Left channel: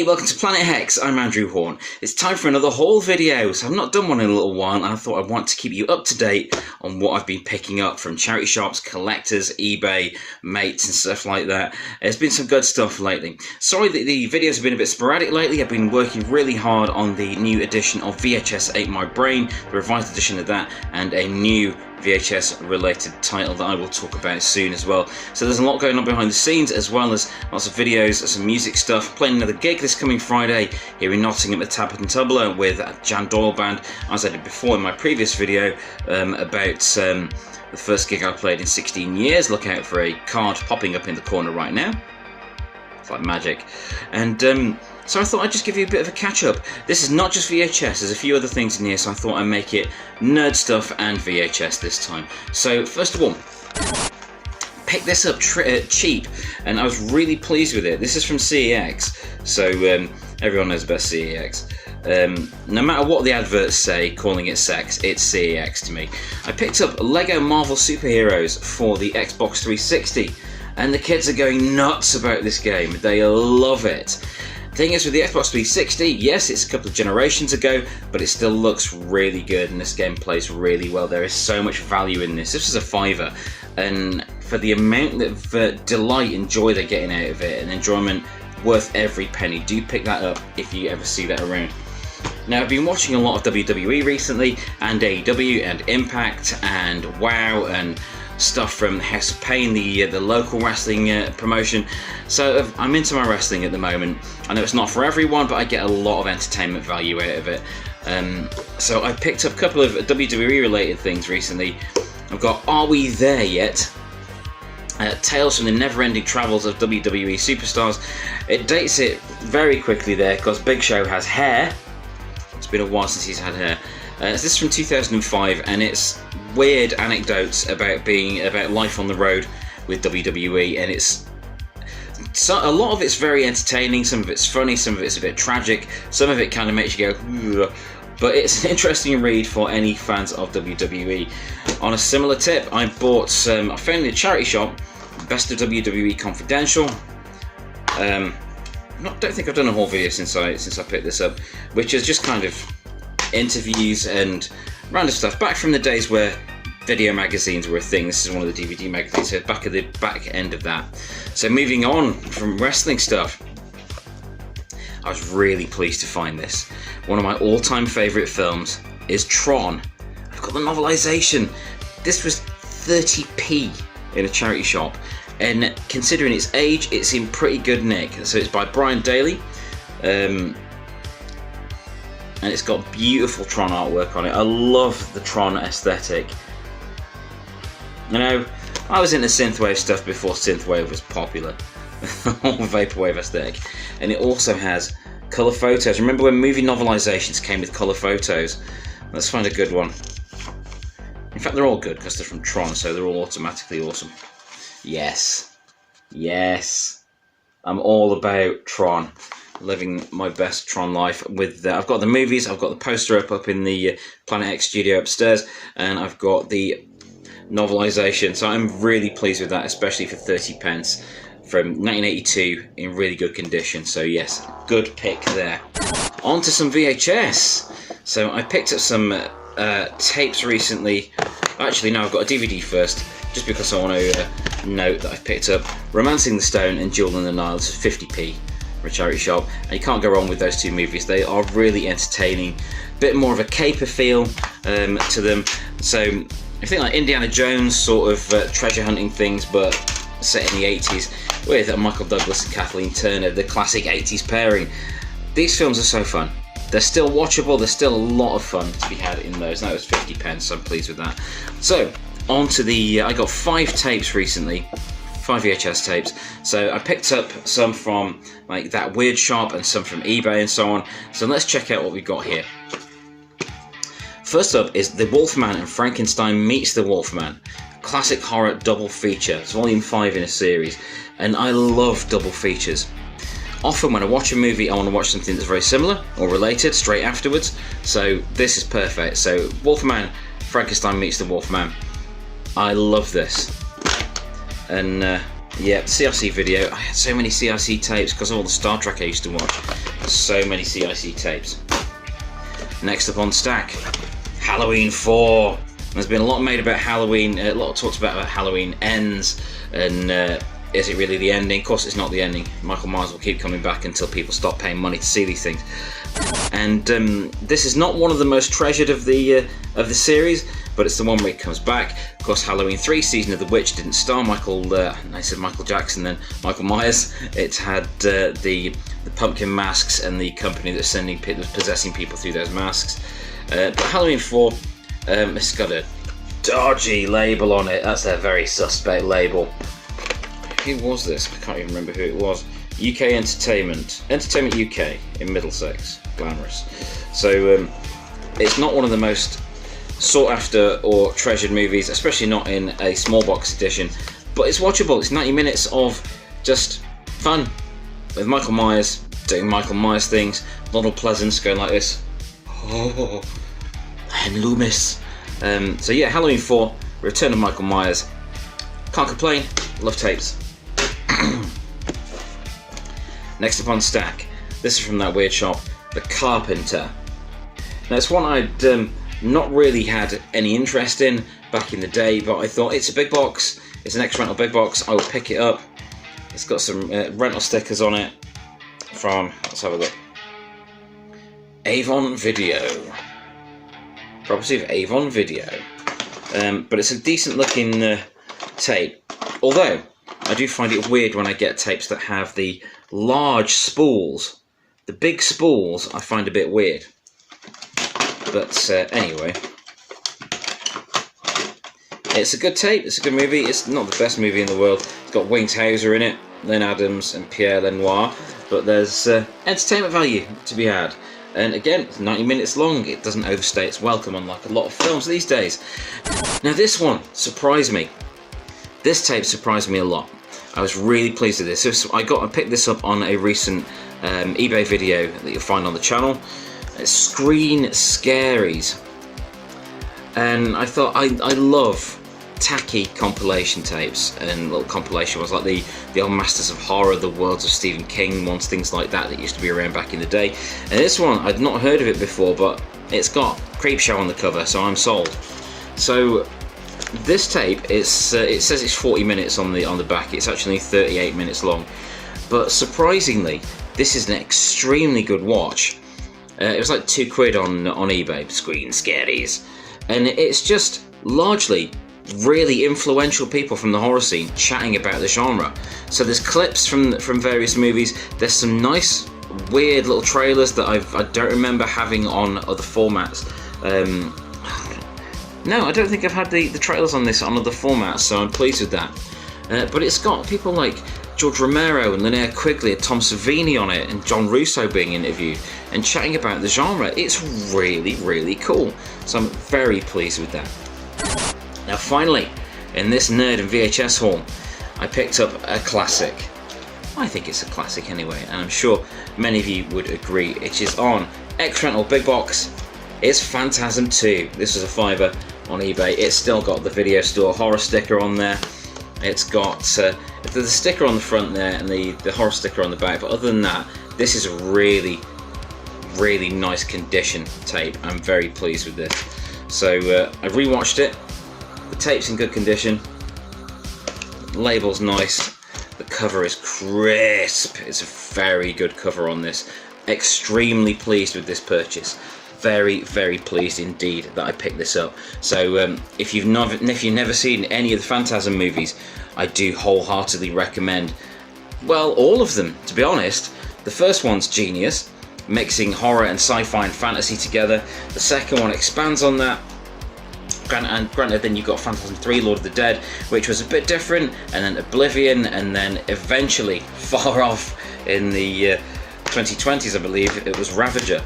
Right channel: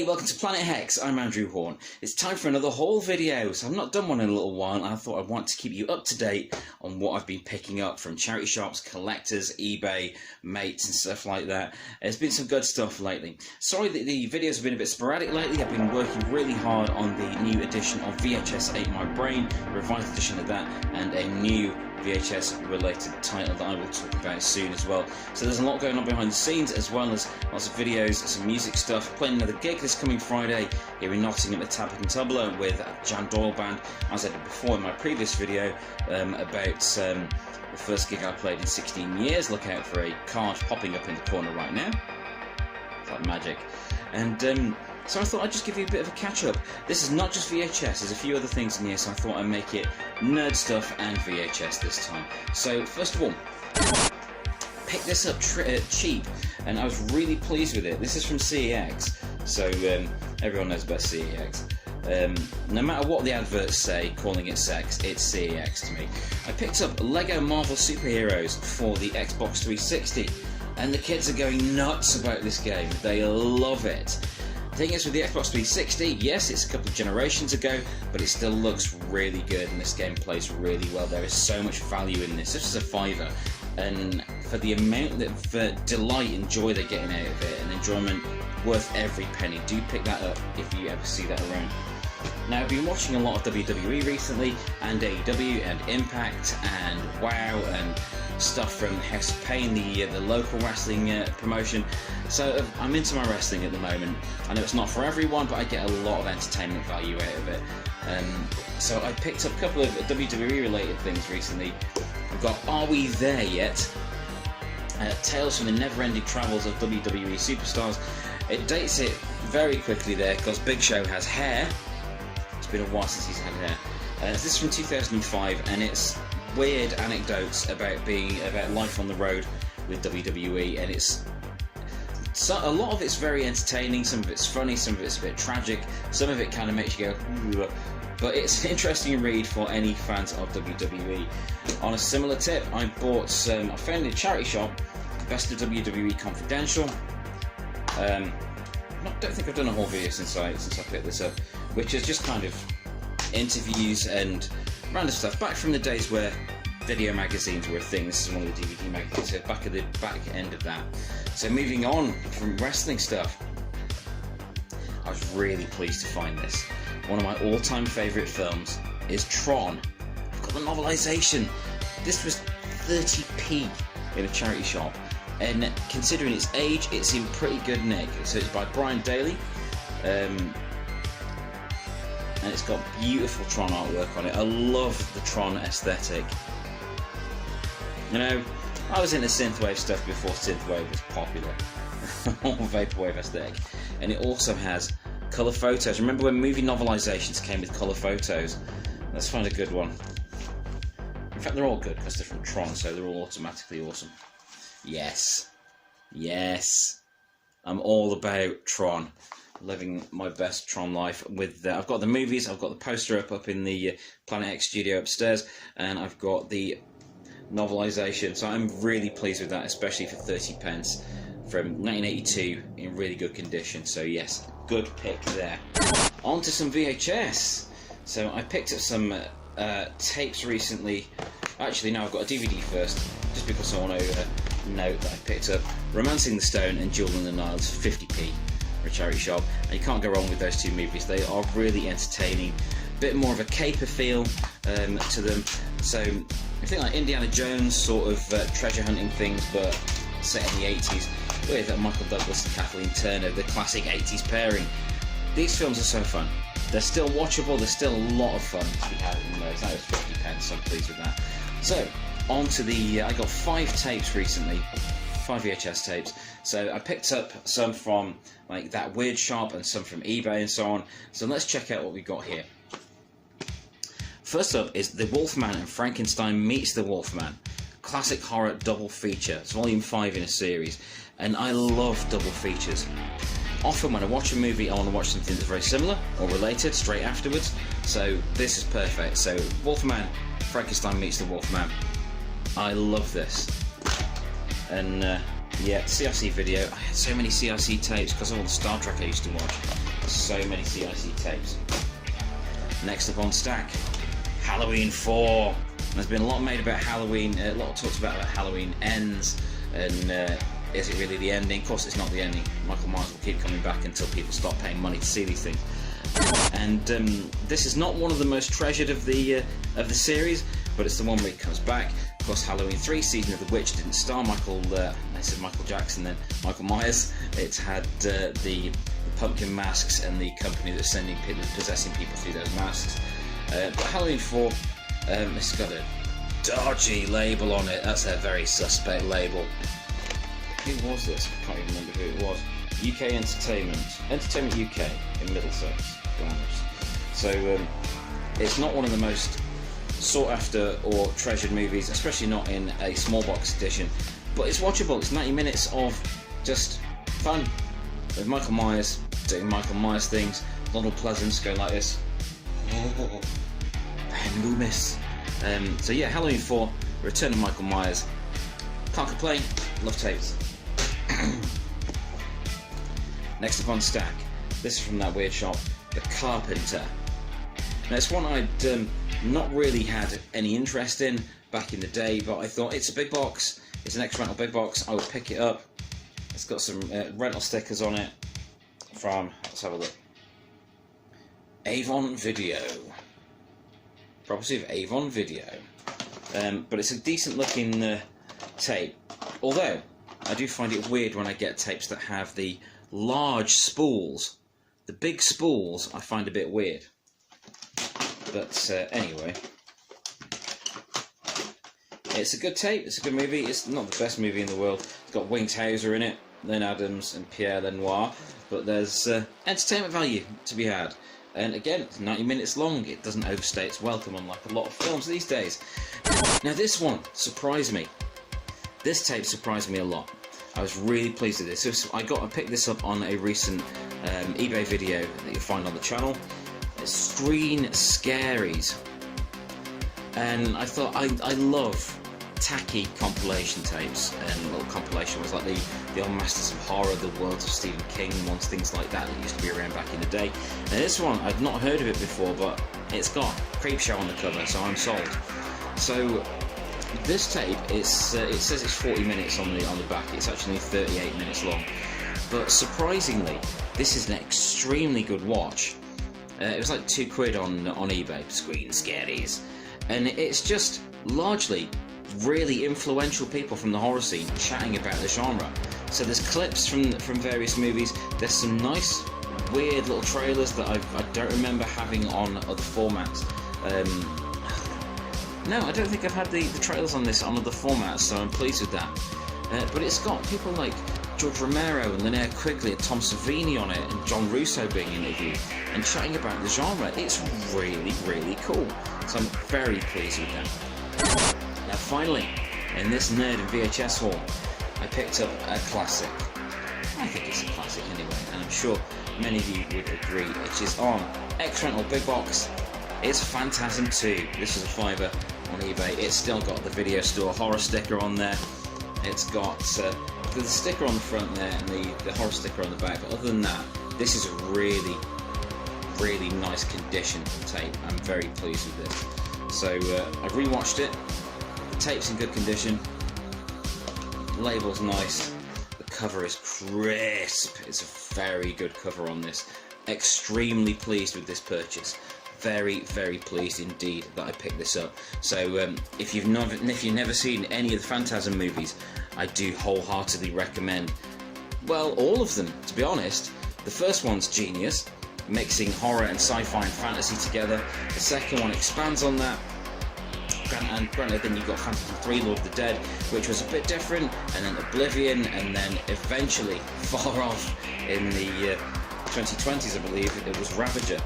Hey, welcome to Planet Hex. I'm Andrew Hawnt. It's time for another haul video. So I've not done one in a little while, and I thought I'd want to keep you up to date on what I've been picking up from charity shops, collectors, eBay, mates and stuff like that. There's been some good stuff lately. Sorry that the videos have been a bit sporadic lately. I've been working really hard on the new edition of VHS Ate My Brain, the revised edition of that, and a new VHS related title that I will talk about soon as well. So there's a lot going on behind the scenes, as well as lots of videos, some music stuff. Playing another gig this coming Friday here in Nottingham at Tablet and Tumbler with Jan Doyle Band, as I did before in my previous video about the first gig I played in 16 years. Look out for a card popping up in the corner right now. It's like magic. And so I thought I'd just give you a bit of a catch-up. This is not just VHS, there's a few other things in here, so I thought I'd make it nerd stuff and VHS this time. So first of all, picked this up cheap, and I was really pleased with it. This is from CEX, so everyone knows about CEX. No matter what the adverts say calling it sex, it's CEX to me. I picked up Lego Marvel Superheroes for the Xbox 360, and the kids are going nuts about this game. They love it. Thing is, with the Xbox 360, yes, it's a couple of generations ago, but it still looks really good, and this game plays really well. There is so much value in this. This is a £5, and for the amount of delight and joy they're getting out of it, and enjoyment worth every penny, do pick that up if you ever see that around. Now, I've been watching a lot of WWE recently, and AEW, and Impact, and WoW, and stuff from House of Pain, the local wrestling promotion. So I'm into my wrestling at the moment. I know it's not for everyone, but I get a lot of entertainment value out of it. So I picked up a couple of WWE related things recently. I've got Are We There Yet? Tales from the Never-Ending Travels of WWE Superstars. It dates it very quickly there because Big Show has hair. It's been a while since he's had hair. This is from 2005, and it's weird anecdotes about life on the road with WWE, and a lot of it's very entertaining, some of it's funny, some of it's a bit tragic, some of it kind of makes you go, ugh. But it's an interesting read for any fans of WWE. On a similar tip, I bought I found in a charity shop Best of WWE Confidential. Don't think I've done a whole video since I picked this up, which is just kind of interviews and random stuff back from the days where video magazines were a thing. This is one of the DVD magazines, so back at the back end of that. So moving on from wrestling stuff, I was really pleased to find this. One of my all-time favourite films is Tron. I've got the novelisation. This was 30p in a charity shop, and considering its age, it's in pretty good nick. So it's by Brian Daly. And it's got beautiful Tron artwork on it. I love the Tron aesthetic. You know, I was into synthwave stuff before synthwave was popular. The whole vaporwave aesthetic. And it also has colour photos. Remember when movie novelisations came with colour photos? Let's find a good one. In fact, they're all good because they're from Tron, so they're all automatically awesome. Yes. Yes. I'm all about Tron. Living my best Tron life with I've got the movies, I've got the poster up in the Planet Hex studio upstairs, and I've got the novelisation, so I'm really pleased with that, especially for 30p from 1982 in really good condition. So yes, good pick there. On to some VHS. So I picked up some tapes recently. Actually no, I've got a DVD first, just because I want to note that I picked up Romancing the Stone and Jewel in the Nile. It's 50p for a charity shop, and you can't go wrong with those two movies. They are really entertaining, bit more of a caper feel to them. So I think like Indiana Jones sort of treasure hunting things, but set in the 80s with Michael Douglas and Kathleen Turner, the classic 80s pairing. These films are so fun. They're still watchable, there's still a lot of fun to be had in those. That was 50p, so I'm pleased with that. So on to the I got 5 tapes recently, 5 VHS tapes. So I picked up some from like That Weird Shop and some from eBay and so on. So let's check out what we've got here. First up is The Wolfman and Frankenstein Meets the Wolfman. Classic horror double feature. It's volume 5 in a series, and I love double features. Often when I watch a movie, I want to watch something that's very similar or related straight afterwards. So this is perfect. So Wolfman, Frankenstein Meets the Wolfman. I love this. And yeah, CRC video. I had so many CRC tapes because of all the Star Trek I used to watch. So many CIC tapes. Next up on stack, Halloween 4. There's been a lot made about Halloween, a lot of talks about Halloween ends, and is it really the ending? Of course it's not the ending. Michael Myers will keep coming back until people stop paying money to see these things. And this is not one of the most treasured of the series, but it's the one where it comes back. Of course, Halloween 3, Season of the Witch, didn't star Michael Jackson, then Michael Myers. It had the pumpkin masks and the company that's possessing people through those masks. But Halloween 4, it's got a dodgy label on it. That's a very suspect label. Who was this? I can't even remember who it was. UK Entertainment UK in Middlesex, glamorous. So it's not one of the most sought after or treasured movies, especially not in a small box edition, but it's watchable. It's 90 minutes of just fun with Michael Myers doing Michael Myers things. Donald Pleasance going like this. Oh, and Loomis. So yeah, Halloween 4, Return of Michael Myers. Can't complain, love tapes. Next up on stack, this is from that weird shop, The Carpenter. Now it's one I'd not really had any interest in back in the day, but I thought it's a big box, it's an ex-rental big box, I will pick it up. It's got some rental stickers on it from, let's have a look, Avon Video. Property of Avon Video. But it's a decent looking tape, although I do find it weird when I get tapes that have the large spools. The big spools I find a bit weird. But anyway, it's a good tape, it's a good movie. It's not the best movie in the world. It's got Wings Hauser in it, Len Adams and Pierre Lenoir, but there's entertainment value to be had. And again, it's 90 minutes long. It doesn't overstay its welcome, unlike a lot of films these days. Now this one surprised me. This tape surprised me a lot. I was really pleased with this. I picked this up on a recent eBay video that you'll find on the channel. It's Screen Scaries. And I thought, I love tacky compilation tapes and little compilation ones like the old Masters of Horror, the Worlds of Stephen King ones, things like that used to be around back in the day. And this one, I'd not heard of it before, but it's got Creepshow on the cover, so I'm sold. So this tape, it says it's 40 minutes on the back. It's actually 38 minutes long. But surprisingly, this is an extremely good watch. It was like £2 on eBay, Screen Scaries. And it's just largely really influential people from the horror scene chatting about the genre. So there's clips from various movies. There's some nice weird little trailers that I don't remember having on other formats. No, I don't think I've had the trailers on this on other formats, so I'm pleased with that. But it's got people like George Romero and Linnea Quigley and Tom Savini on it, and John Russo being interviewed and chatting about the genre. It's really, really cool. So I'm very pleased with that. Now finally, in this nerd and VHS haul, I picked up a classic. I think it's a classic anyway, and I'm sure many of you would agree. It is on ex-rental big box. It's Phantasm 2. This is a £5 on eBay. It's still got the video store horror sticker on there. It's got the sticker on the front there and the horror sticker on the back, but other than that, this is a really, really nice condition tape. I'm very pleased with this. So I rewatched it. The tape's in good condition. The label's nice. The cover is crisp. It's a very good cover on this. Extremely pleased with this purchase. Very, very pleased indeed that I picked this up. So if you've never seen any of the Phantasm movies, I do wholeheartedly recommend, well, all of them, to be honest. The first one's genius, mixing horror and sci-fi and fantasy together. The second one expands on that. And granted, then you've got Phantasm 3, Lord of the Dead, which was a bit different, and then Oblivion, and then eventually, far off in the 2020s, I believe, it was Ravager.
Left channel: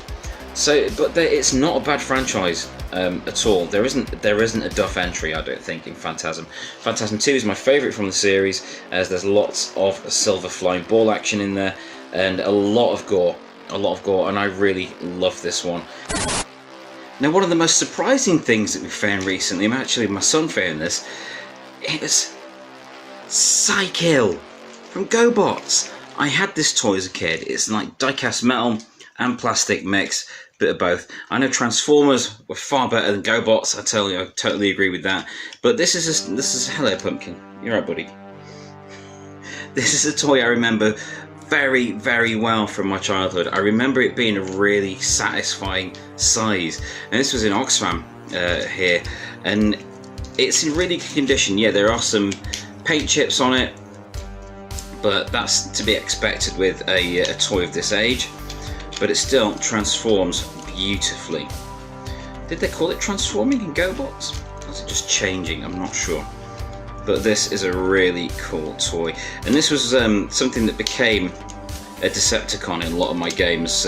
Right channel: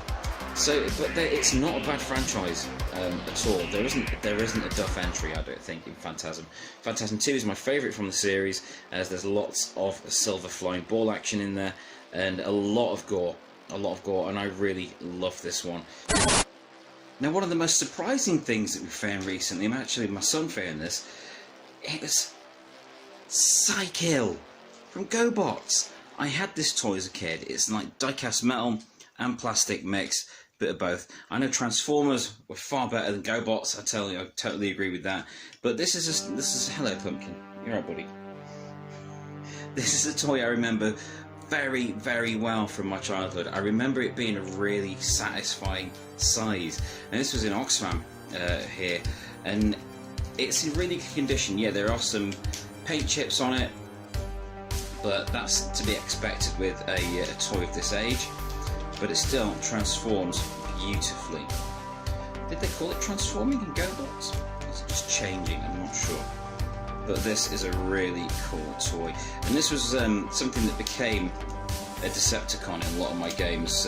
So, but it's not a bad franchise at all. There isn't a duff entry, I don't think, in Phantasm. Phantasm 2 is my favourite from the series, as there's lots of silver flying ball action in there, and a lot of gore, and I really love this one. Now, one of the most surprising things that we found recently, actually my son found this, is Psykill from GoBots. I had this toy as a kid. It's like die-cast metal. and plastic mix, bit of both. I know Transformers were far better than GoBots. I totally agree with that. But this is hello Pumpkin. You're right, buddy. This is a toy I remember very, very well from my childhood. I remember it being a really satisfying size, and this was in Oxfam here, and it's in really good condition. Yeah, there are some paint chips on it, but that's to be expected with a toy of this age. But it still transforms beautifully. Did they call it transforming in GoBots? Or is it just changing? I'm not sure. But this is a really cool toy, and this was something that became a Decepticon in a lot of my games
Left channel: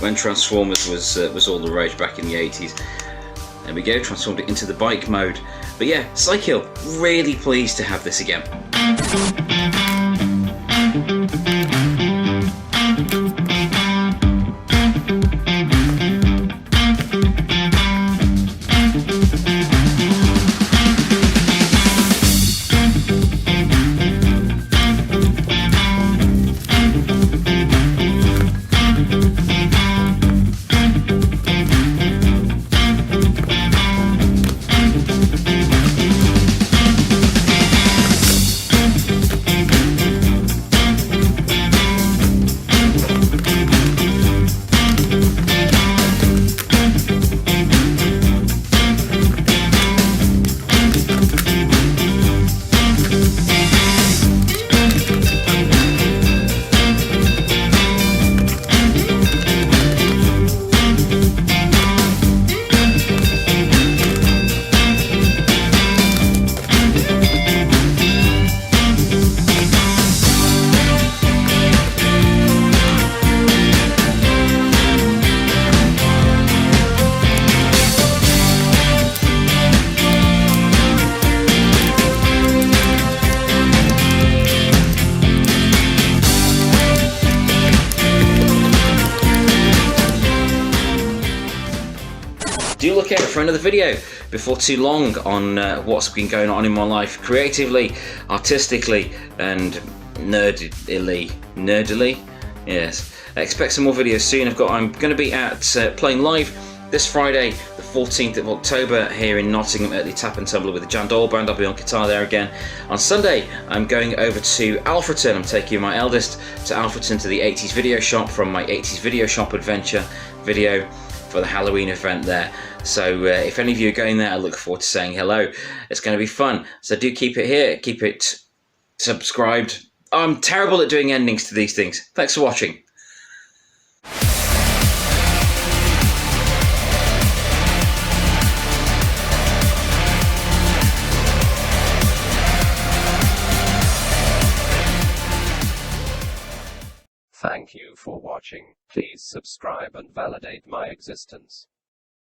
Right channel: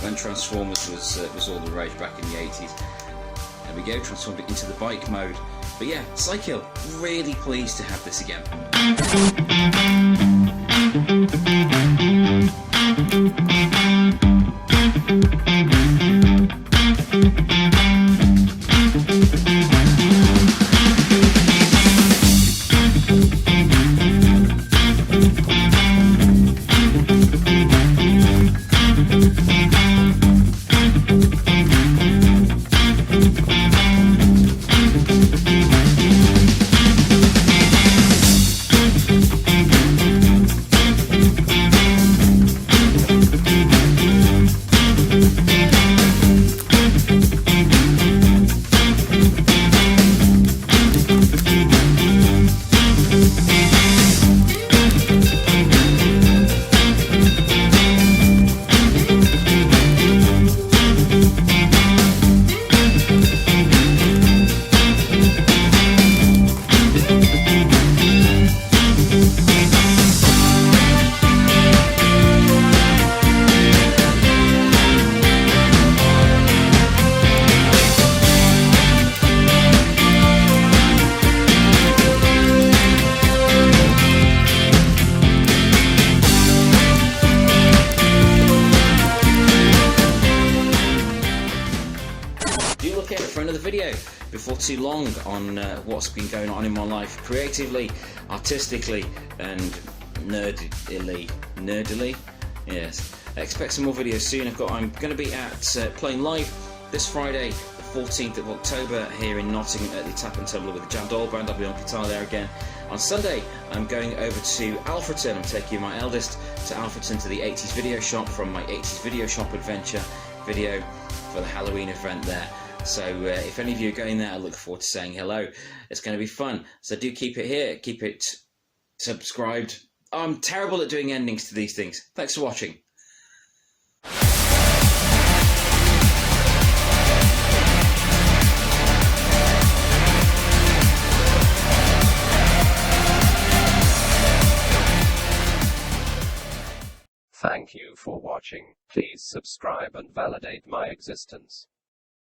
when Transformers was all the rage back in the 80s. There we go, transformed it into the bike mode. But yeah, Psykill, really pleased to have this again. Do look out for another video before too long on what's been going on in my life creatively, artistically, and nerdily. Yes, expect some more videos soon. I'm going to be at playing live this Friday, the 14th of October, here in Nottingham at the Tap and Tumbler with the Jan Doyle Band. I'll be on guitar there again. On Sunday, I'm going over to Alfreton. I'm taking my eldest to Alfreton to the 80s video shop from my 80s video shop adventure video for the Halloween event there. So if any of you are going there, I look forward to saying hello. It's going to be fun. So do keep it here, keep it subscribed. I'm terrible at doing endings to these things. Thanks for watching. Thank you for watching. Please subscribe and validate my existence.